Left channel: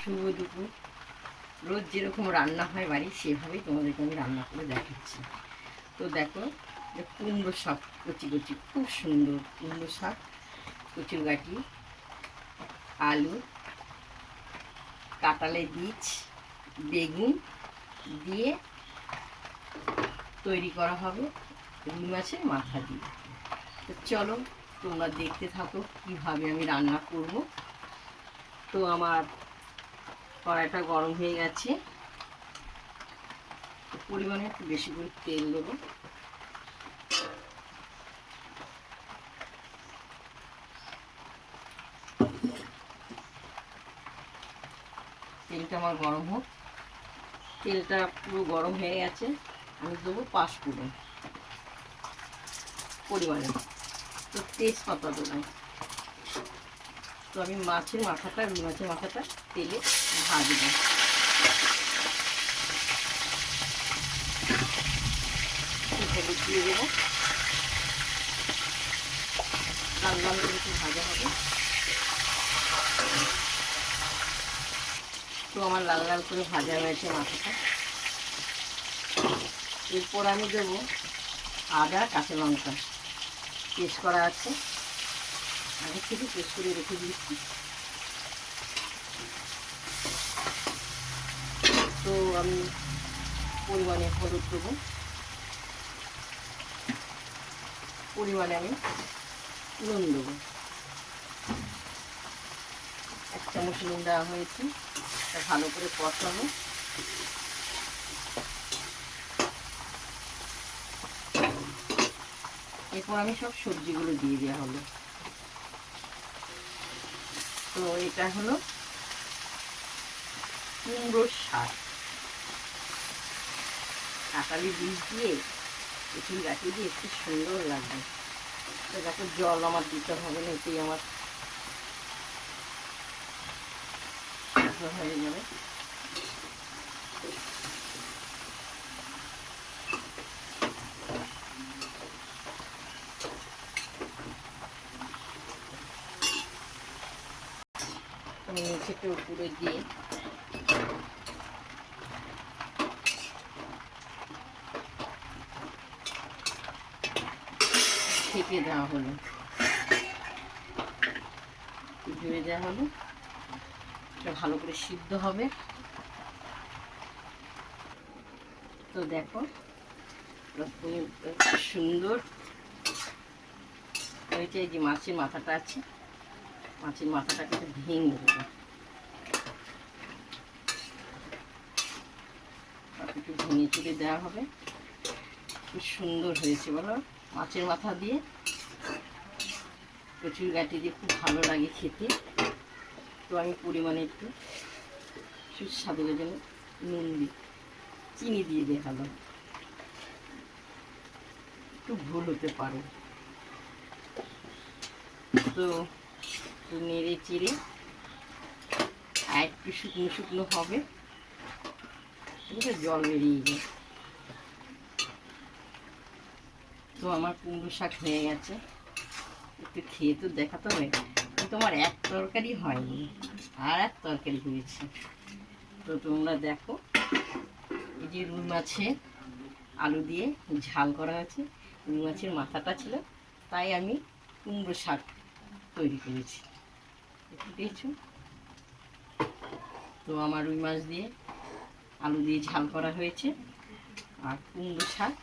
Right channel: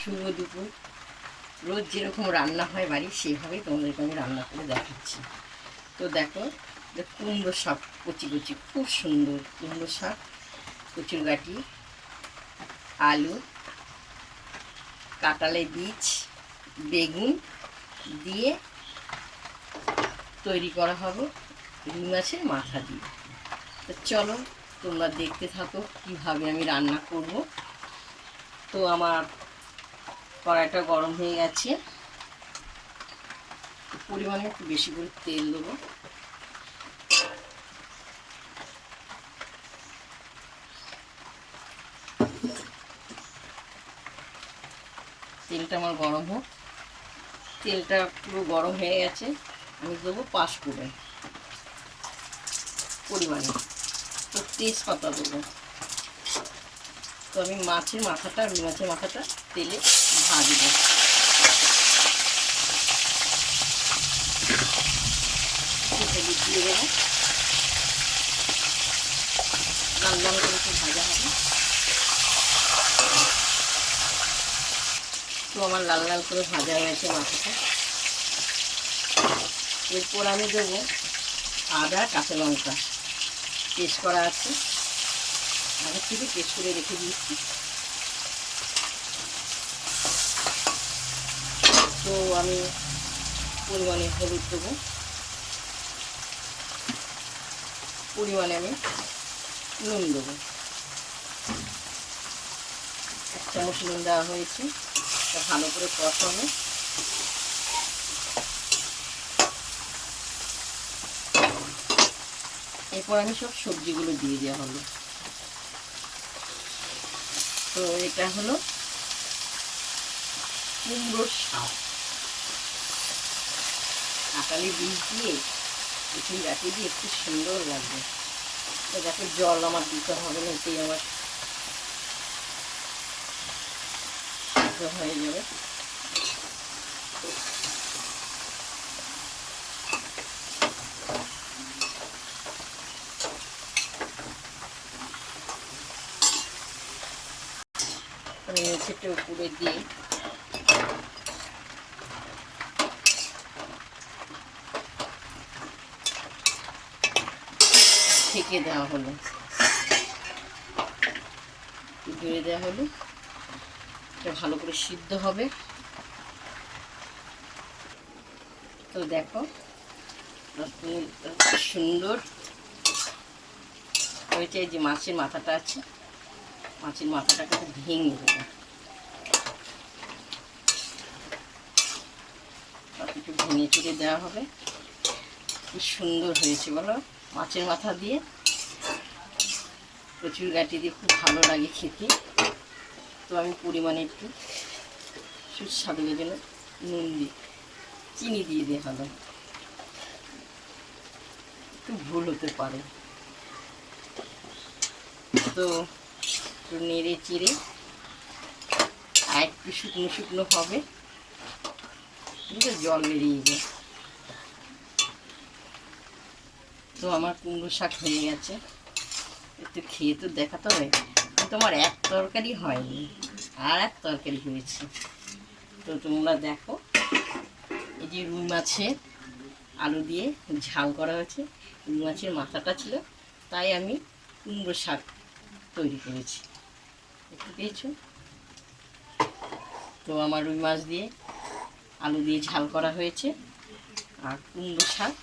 শুভ দুপুর। রোজ যেরকম রান্না হয় বাড়ি সেভাবেই তোমাদেরকে আমি রান্না করে দেখাচ্ছি। তো দেখো, যে কুমড়ো শাক, কচি কচি, খুব সুন্দর কুমড়ো শাক কচুর গাটি আলু কাঁটালে বীজ, বেগুন দিয়ে তৈরি করা হবে রুই মাছের মাথা দিয়ে। তো চলো, তোমরা দেখতে থাকো কীভাবে আমি রান্না করব। তো আমার কড়াইটা গরম হয়ে গেছে। পরিমাণে একটু বেশি করে তেল দেবো। তেলটা আমার গরম হোক। তেলটা পুরো গরম হয়ে গেছে। আমি দেবো পাঁচফোড়ন পরিমাণে। তো তেজপাতা দেবো। তো আমি মাছের মাথাটা রুই মাছের মাথাটা তেলে ভাজবো। হলুদ দিয়ে দেবো। লাল লাল করে একটু ভাজা হবে। তো আমার লাল লাল করে ভাজা হয়েছে মাথাটা। এরপর আমি দেবো আদা, কাঁচা লঙ্কা। পেস্ট করা আছে। আগের থেকে পেস্ট করে রেখে দিচ্ছি। তো আমি পরিমাণে হলুদ দেবো। পরিমাণে আমি নুন দেবো। এক চামচ নুন দেওয়া হয়েছে ভালো করে কষাবো। এরপর আমি সব সবজিগুলো দিয়ে দেওয়া হলো। তো এটা হলো কুমড়োর শাক। কাঁকালি বীজ দিয়ে একটু গাছে দিয়ে একটু সুন্দর লাগবে। তো যাতে জল আমার দিতে হবে না, এতেই আমার হয়ে যাবে। নিচেটা উপরে দিয়ে। ঢেকে দেওয়া হলো। জুড়ে দেওয়া হলো। এটা ভালো করে সিদ্ধ হবে। তো দেখো সুন্দর। হয়েছে যে মাছের মাথাটা আছে, মাছের মাথাটাকে ভেঙে দেবো একটু দেওয়া হবে। খুব সুন্দর হয়েছে, বলো। মাছের মাথা দিয়ে প্রচুর গাটি দিয়ে খুব ভালো লাগে খেতে। তো আমি পরিমাণে একটু সুস্বাদুর জন্য নুন দিই। চিনি দিয়ে দিয়ে ভালো। একটু ভুল হতে পারে। তো একটু নেড়ে চিড়ে আর একটু শুকনো শুকনো হবে। বুঝলে জল বেরিয়ে যায় তো আমার কুমড়ো শাক হয়ে গেছে। একটু খেয়ে তো দেখাতে হবে কিন্তু আমার এক তরকারি হয়নি। আর এক তরকারি হয়েছে। তো তোমরা দেখো, এই যে রুই মাছের আলু দিয়ে ঝাল করা হয়েছে। রুই মাছের মাথাটা ছিল, তাই আমি কুমড়ো শাক তৈরি করেছি। দেখতে পেয়েছ? তো আমার রুই মাছ দিয়ে আলু দিয়ে ঝাল করা হয়েছে। আর কুমড়ো শাক,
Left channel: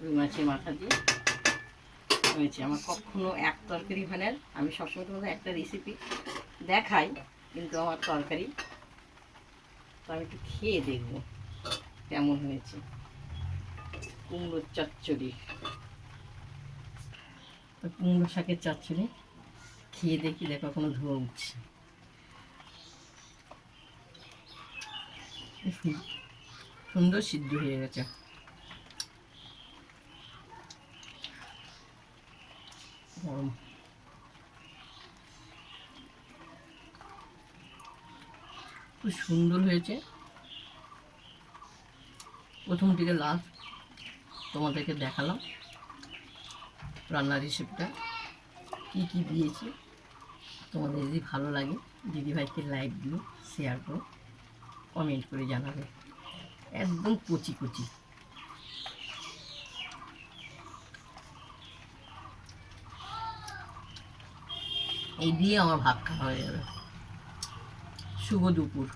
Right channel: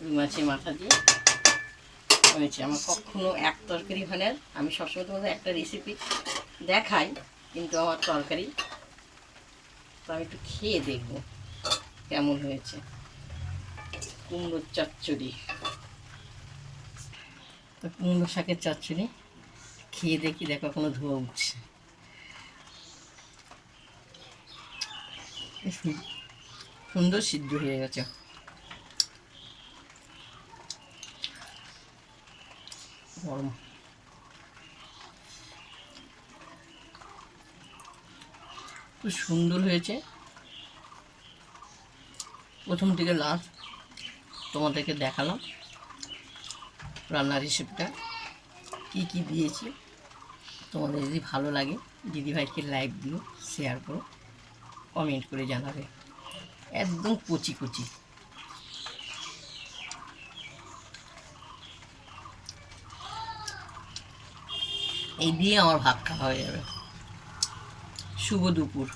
রুই মাছের মাথা দিয়ে হয়েছে। আমার কখনো এক তরকারি হয় না। আমি সবসময় তোমাদের একটা রেসিপি দেখাই, কিন্তু আমার তরকারি, তো আমি একটু খেয়ে দেখব কেমন হয়েছে। কুমড়োর চচ্চড়ি। তো কুমড়ো শাকের চচ্চড়ি, খেয়ে দেখি, দেখো কোনো ধোয়া উঠছে। সুন্দর সিদ্ধ হয়ে গেছে। গরম। খুব সুন্দর হয়েছে। প্রথম থেকে লাস্ট তোমাদেরকে দেখালাম রান্নার রেসিপিটা কি কি দিয়েছি? তোমাদের যদি ভালো লাগে, দিদিভাইকে দিও শেয়ার করো। কমেন্ট করে জানাবে। একদম কচি কচি। এই দিয়ে আমার ভাত খাওয়া হয়ে যাবে। শুভ দুপুর।